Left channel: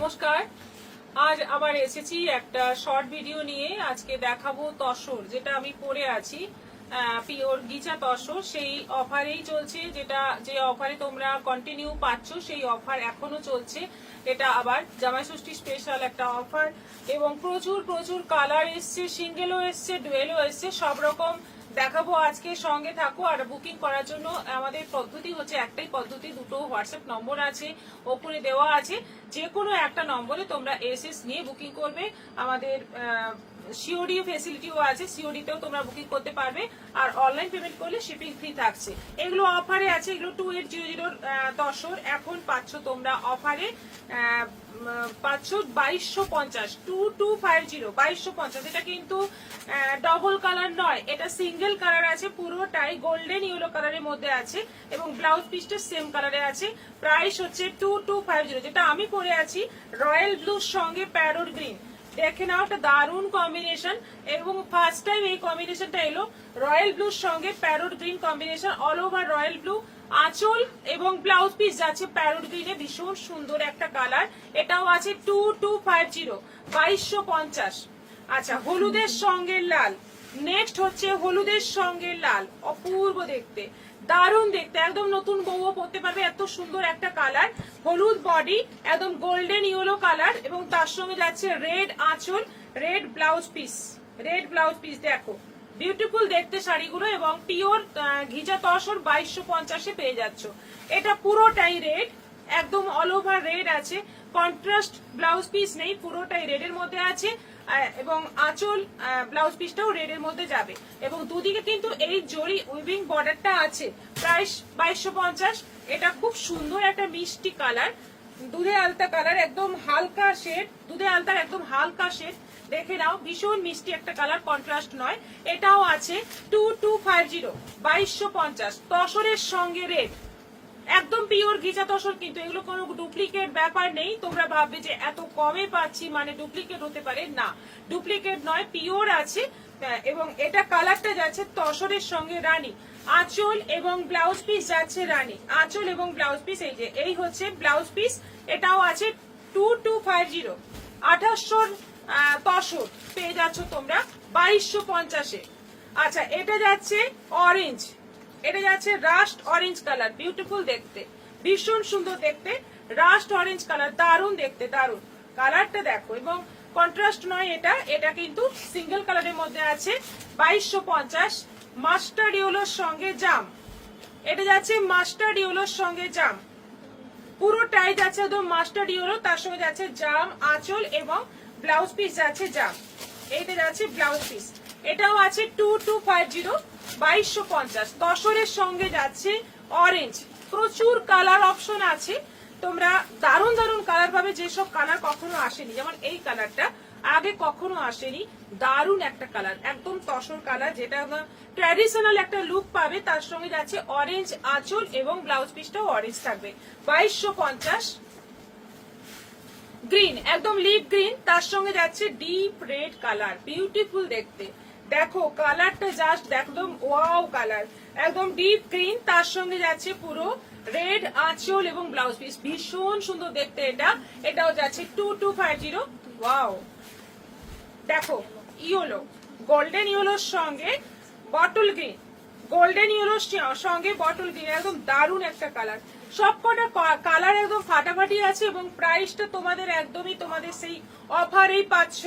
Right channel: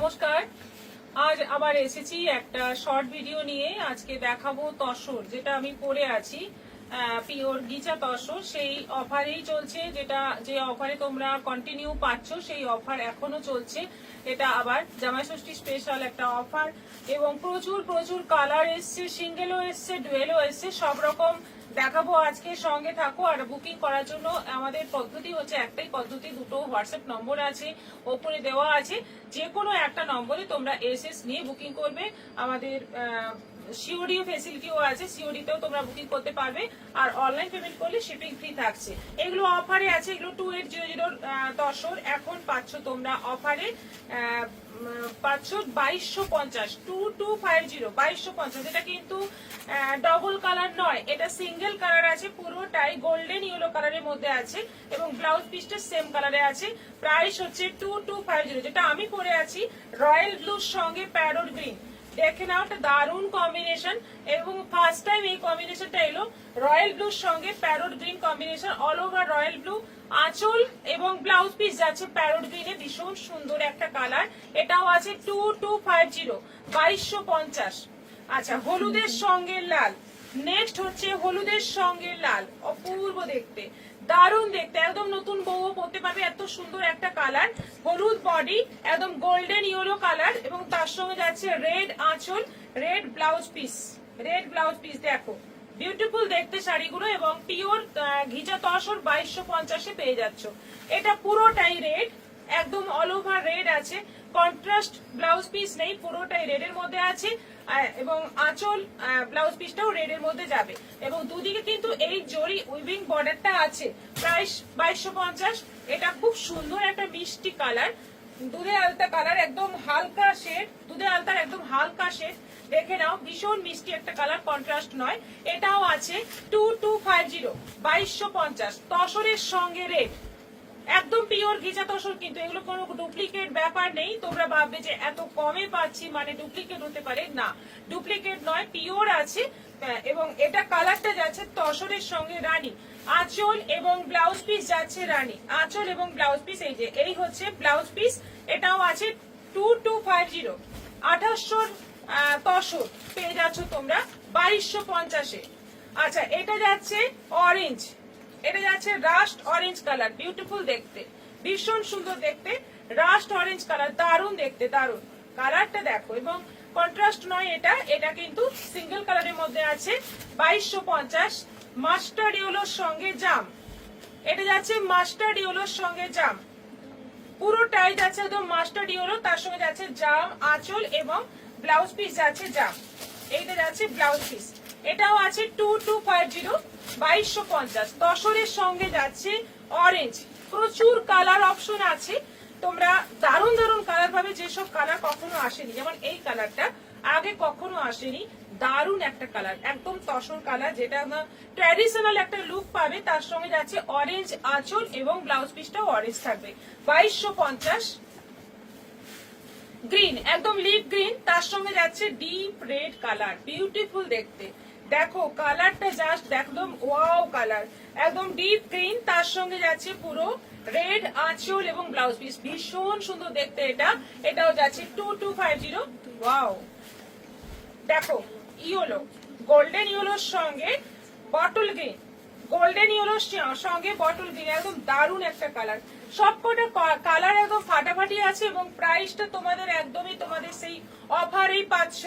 নমস্কার। আজ আবার এসেছি একটা শর্ট ভিডিও নিয়ে। আজকে দেখাবো তসর, যেটা আমি পরে আছি, পিওর গিচা তসর। সেই অফারেই চলছে, যে অফারে তোমরা কন্টিনিউ পাচ্ছ সেই অফার এখনো চলছে। এটা আবার জামাই ষষ্ঠী স্পেশাল একটা অফার এবং প্রচুর প্রচুর কালার এসছে, সিঙ্গেলও এসছে, ডুয়েলও এসছে, সব রকম দেখাবো আজকে। সঙ্গে থাকো। আর বুকিং করার জন্য আমাদের পদ্ধতি হচ্ছে একটাই পদ্ধতি, দুটো হোয়াটসঅ্যাপ নম্বর আছে, ওপরে দেওয়া আছে। যে কোনো একটা নম্বরে তোমরা এসএস নিয়ে বুকিং করবে। আমাদের সিওডি ফেসিলিটিও আছে, সিওডিতেও তোমরা বুকিং করতে পারবে। আর অনলাইন পেমেন্ট করলে শিপিং ফ্রি থাকছে। এগুলো অফারে আছে, এগুলো 2800 তসর এখন পাচ্ছ তোমরা অফারে, পাচ্ছ 2250, 2250। এটা কিন্তু ডবল কালার নয়, এটা সিঙ্গেল কালার আছে, পুরোটাই গোল্ডেন ইয়েলো কালারের মধ্যে আছে এবং ব্লাউজ পিসটা সেম কালারে আছে। প্রাইস হচ্ছে 2250। যেটা আমি পরে আছি রয়্যাল ব্লুর সঙ্গে প্যারোট গ্রিন, দেখে নাও, একটা দারুণ কম্বিনেশন এবং ফার্স্ট টাইম এই কম্বিনেশনটা এলো। রয়্যাল ব্লুর সঙ্গে parrot green combination, all over royal blue. আঁচল এবং ব্লাউজ পিস যাচ্ছে প্যারোট গ্রিনে, ভীষণ সুন্দর একটা কালার। এটাও আছে 2250, 2250। আচ্ছা, হলুদের সঙ্গে লাল। নেক্সট হচ্ছে হলুদের সঙ্গে লাল, অপূর্ব দেখতে, দারুণ দেখতে, একদম নতুন বউও পরতে পারবে, এত সুন্দর একটা কালার। হলুদ বডি, একদম গোল্ডেন ইয়েলো কালার এবং তার সঙ্গে যাচ্ছে রেড আঁচল, red blouse piece, red blouse piece. দেখো বিউটিফুল দেখতে শাড়িগুলো এবং পিওর ঘিচা তসর 2250 পেয়ে যাচ্ছ। এটা পুরোটাই রেড, একদম অল ওভার রেড আছে, কন্ট্রাস্ট ব্লাউজ পিস নেই, পুরোটাই রেড এর মধ্যে আছে এবং আঁচল ব্লাউজ পিসটাও রেড এর মধ্যে যাবে এবং দুদিকে কিন্তু এই জরি উইভিং বর্ডারটা আছে। প্রাইস 2250। এটা খুব সুন্দর একটা মিষ্টি কালার, দুধে আলতা কালার, একদম হালকা শেড, দুধে আলতার একদম হালকা শেড। দেখে নাও, ভীষণ মিষ্টি একটা কালার, কন্ট্রাস্ট নয়। এটাও আছে 2250, 2250। তসরের সঙ্গে রেড, একদম পিওর ঘিচা তসর, কিন্তু এগুলো কোনো ডুপ্লিকেট ব্যাপার নেই। তোমরা ভাববে যে এত কমে পাচ্ছি মানে ডুপ্লিকেট হতে পারে, না, ডুপ্লিকেট নয়, পিওর আছে। এবং এটা কালারটা যাচ্ছে তসরের সঙ্গে রানী, আঁচল এবং ব্লাউজ পিস যাচ্ছে রানী, আঁচল এবং ব্লাউজ পিস। এই যে এই হচ্ছে ব্লাউজ পিস, এটাও আছে 2250, 2800 তসর পেয়ে যাচ্ছ তোমরা 2250-এ। আচ্ছা, এটা যাচ্ছে অরেঞ্জ, এটা যাচ্ছে রাস্ট অরেঞ্জ কালার, বিউটিফুল দেখতে, ভীষণ সুন্দর দেখতে, রাস্ট অরেঞ্জ কালার, দারুণ দেখতে, দারুণ কালারটা দেখো। এবং কন্ট্রাস্ট নয়, এটা কিন্তু সিঙ্গেল কালারের মধ্যে আছে 2250। মাস্টার্ড ইয়েলোর সঙ্গে জাম, এটা যাচ্ছে মাস্টার্ড ইয়েলোর সঙ্গে জাম, পুরোটাই যাচ্ছে একদম মাস্টার্ড ইয়েলো, তার সঙ্গে যাচ্ছে জাম আঁচল এবং ব্লাউজ পিস যাচ্ছে জাম। এইটা যাচ্ছে ব্লাউজ পিস, এটাও আছে 2250, 2250। তসরের সঙ্গে যাচ্ছে অরেঞ্জ, প্রচুর কালার অপশন আছে, তোমরা দারুণ দারুণ কালার পাবে, যেসব কালার কখনো আসেনি, যেমন এই কালারটা আগে কখনো আসেনি, দারুণ একটা কালার, একদম তসর কালার, যেটা ট্র্যাডিশনাল একটা লুক পাবে। তার সঙ্গে যাচ্ছে অরেঞ্জ আঁচল এবং ব্লাউজ পিসটাও অরেঞ্জ থাকবে 2250। গ্রিন, একদম লিপ গ্রিন, তার সঙ্গে যাচ্ছে ডিপ রেড কালার, বিউটিফুল দেখতে, দেখো কালারটা জাস্ট একদম ওয়াও কালার, একদম ডিপ গ্রিন, তার সঙ্গে যাচ্ছে পুরো রেড আঁচল এবং ব্লাউজ পিস, ভীষণ সুন্দর দেখতে। এটাও যাচ্ছে 2250, ওয়াও। দেখো ইয়েলো, গোল্ডেন ইয়েলোর সঙ্গে বটল গ্রিন, গোল্ডেন ইয়েলোর সঙ্গে বটল গ্রিন, একদম দারুণ একটা কালার, সবকটা কালার একদম ফাটাফাটি আছে এবং প্রাইসটা তোমাদের একদমই তোমাদের সেই অফারেই পাচ্ছ।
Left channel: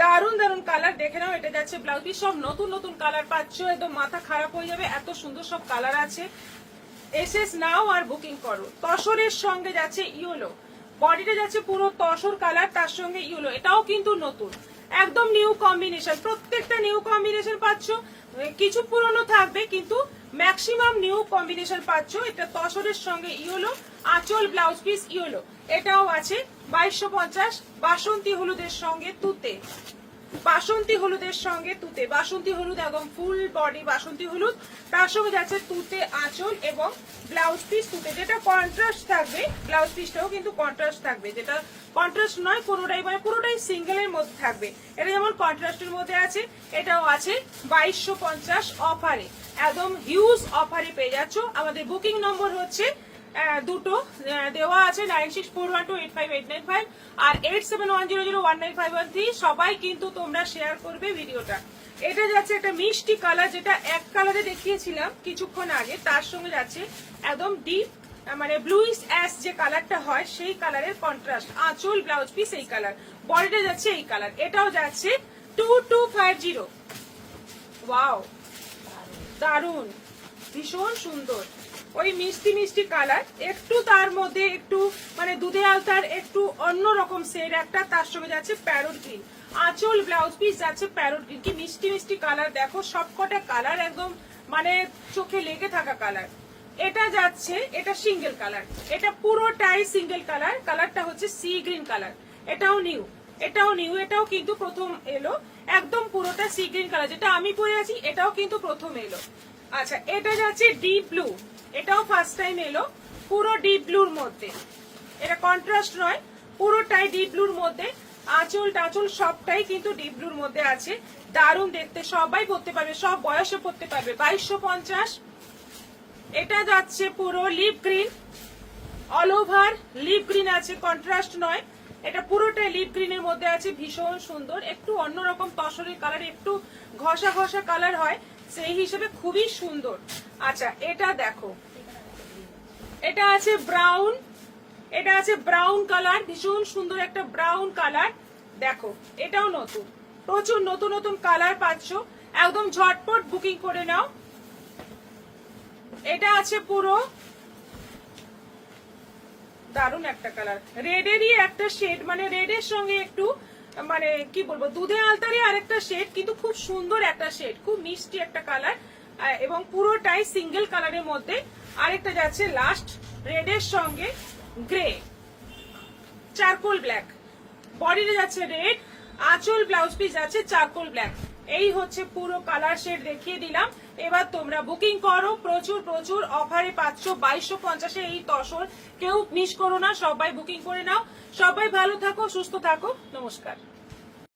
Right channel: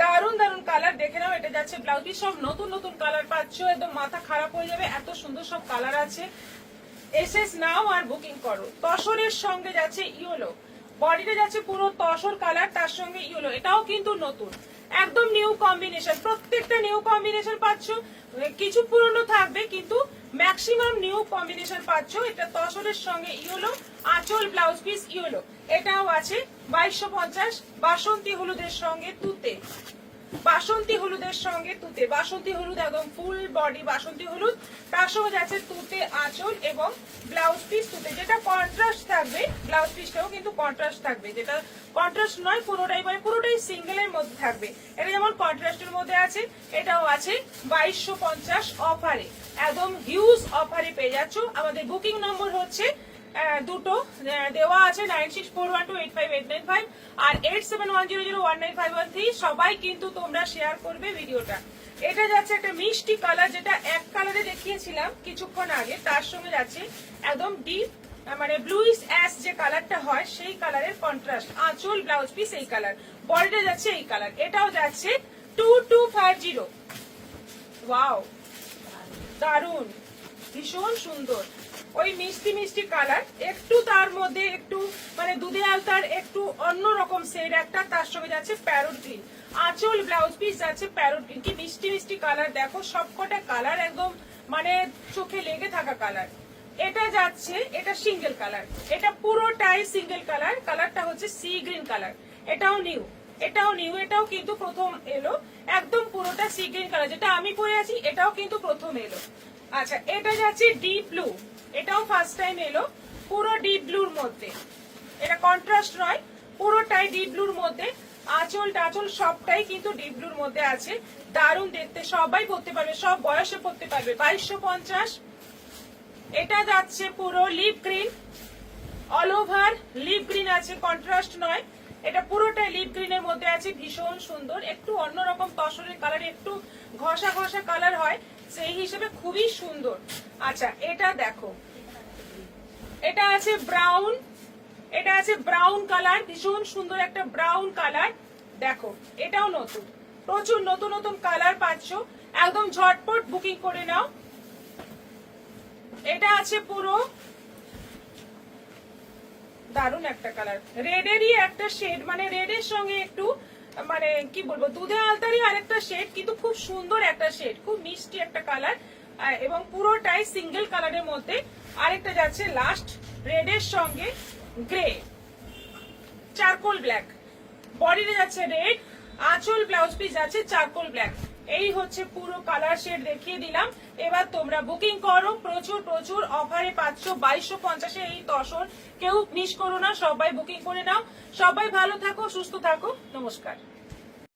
দারুণ দারুণ কালার, দেখে নাও। এটা যাচ্ছে ব্লাউজ পিস, সব নতুন নতুন কালার পাচ্ছ, একদম মাথা খারাপ হয়ে যাবে, এত সুন্দর সব কালার আছে। এসএস নাও আর বুকিং করো। তসরের সঙ্গে যাচ্ছে ইয়েলো, বডিটা যাচ্ছে পুরো তসর কালার, তার সঙ্গে ইয়েলো, এটাও কিন্তু নতুন, একদম নিউ কম্বিনেশন, প্রত্যেকটা নিউ কম্বিনেশন পাচ্ছ, কিছু পুরনো থাকবে কিন্তু ম্যাক্সিমাম নিউ কম্বিনেশন পাচ্ছ। এটা তসরের সঙ্গে ইয়েলো, আঁচল ব্লাউজ পিস ইয়েলো, এটাও আছে 2250। বাসন্তী হলুদের সঙ্গে তুতে, বাসন্তী হলুদের সঙ্গে তুতে, বাসন্তী হলুদ একদম ফুল বডি বাসন্তী হলুদ, তার সঙ্গে যাচ্ছে তুতে আঁচল এবং ব্লাউজ পিস তুতে, যেটা কন্ট্রাস্ট থাকবে, ব্লাউজ পিসটাও কিন্তু কন্ট্রাস্ট থাকবে, যেটা কন্ট্রাস্ট নয় কোনোটাই, মানে পুরোটাই সিঙ্গেলের মধ্যে থাকবে। এটা যেমন কন্ট্রাস্টের মধ্যে আছে, এটাও আছে 2250 অফারে, একদম হিউজ অফারে পেয়ে যাচ্ছ। আমাদের বুকিং নম্বর হচ্ছে দুটো দেওয়া আছে 9641285895 আর 8710019513। সবাই কিন্তু তোমরা শেয়ার করবে ভিডিওটা। এটা যাচ্ছে একটা মিষ্টি কালার, যেটা এক কালারে দেখিয়েছিলাম কিছুক্ষণ আগে, তার সঙ্গে যাচ্ছে একদম ডিপ মানে ব্লুইশ অ্যাশ যে কালারটা হয় সেই কালারের কন্ট্রাস্ট। আঁচল ব্লাউজ পিস এই কালার, বডিটা যাচ্ছে এই কালার। এটাও যাচ্ছে 2250। ওয়াও, দারুন, ভীষণ সুন্দর, ওই মিষ্টি মিষ্টি কালার, একটু তার মধ্যে একটু মানে দুধে আলতার একটু অন্যরকম শেড একটা, তার সঙ্গে যাচ্ছে প্যারোট গ্রিন। আঁচল ব্লাউজ পিস যাচ্ছে প্যারোট গ্রিন। কি মিষ্টি মিষ্টি কালার দেখো, সবকটা কালার একদম মানে চোখে লেগে থাকা কালার। এটা যাচ্ছে, এটা সিঙ্গেল কালার, এটা পুরোটাই সিঙ্গেল কালার। কালারটা হচ্ছে সি গ্রিন কালার। এটাও নিউ, এটাও নিউ, এটাও কিন্তু প্রথম এলো। একদম পুরোটা সি গ্রিন কালার, যেটা আমি পরে আছি এটাও কিন্তু প্রথম এলো। আচ্ছা, এটা যাচ্ছে ডিপ ব্লু, এটাও ফার্স্ট টাইম এলো, পুরো ডিপ ব্লুর মধ্যে। এটা কন্ট্রাস্ট নয়, পুরোটাই ডিপ ব্লুর মধ্যে। আঁচল টাচল সবটাই কিন্তু ডিপ ব্লুর মধ্যে আছে। দারুণ দেখতে, সবাই পরতে পারবে, সব বয়সে পরতে পারবে। 2250। এটা যাচ্ছে পুরো lip green, all over lip green আছে, কন্ট্রাস্ট নয়। এটা পুরোটাই লিপ গ্রিনের মধ্যে আছে, ভীষণ সুন্দর, একটু অন্যরকম তসরের কালার, একটু ঘষা ঘষা কালার হয়, সেই হিসেবে খুবই সুন্দর। আচ্ছা, এটা দেখো, এটা আছে ব্রাউন, এটা আছে ব্রাউন কালার, ভীষণ সুন্দর একটা ব্রাউন কালার। দেখো, এটাও নতুন, প্রচুর নতুন নতুন কালার পাচ্ছ, একদম ঝটপট বুকিং করে নাও। এটা আছে পুরো দারুন একটা কালার, রেডেরই একটা শেড, মানে রেডের সঙ্গে একটু মানে কি বলবো দুধে আলতারই আরেকটা শেড, কিন্তু খুব সুন্দর একটা শেড, খুব মিষ্টি একটা কালার, এবং পুরোটাই সিঙ্গেল কালারের মধ্যে। আরেকটা যাচ্ছে লাস্ট রেডের সঙ্গে গ্রে, চারকোল ব্ল্যাক, বডিতে যাচ্ছে রেড, আঁচল ব্লাউজ পিস যাচ্ছে চারকোল ব্ল্যাক। এই হচ্ছে পুরো কালার শেড দেখিয়ে দিলাম। এবার তোমরা বুকিং করো, প্রচুর প্রচুর অফারে পাচ্ছ 2250 এই তসর। কেউ মিস করো না, সবাই বুকিং করে নাও। সবাই ভালো থাকো, সুস্থ থাকো, নমস্কার।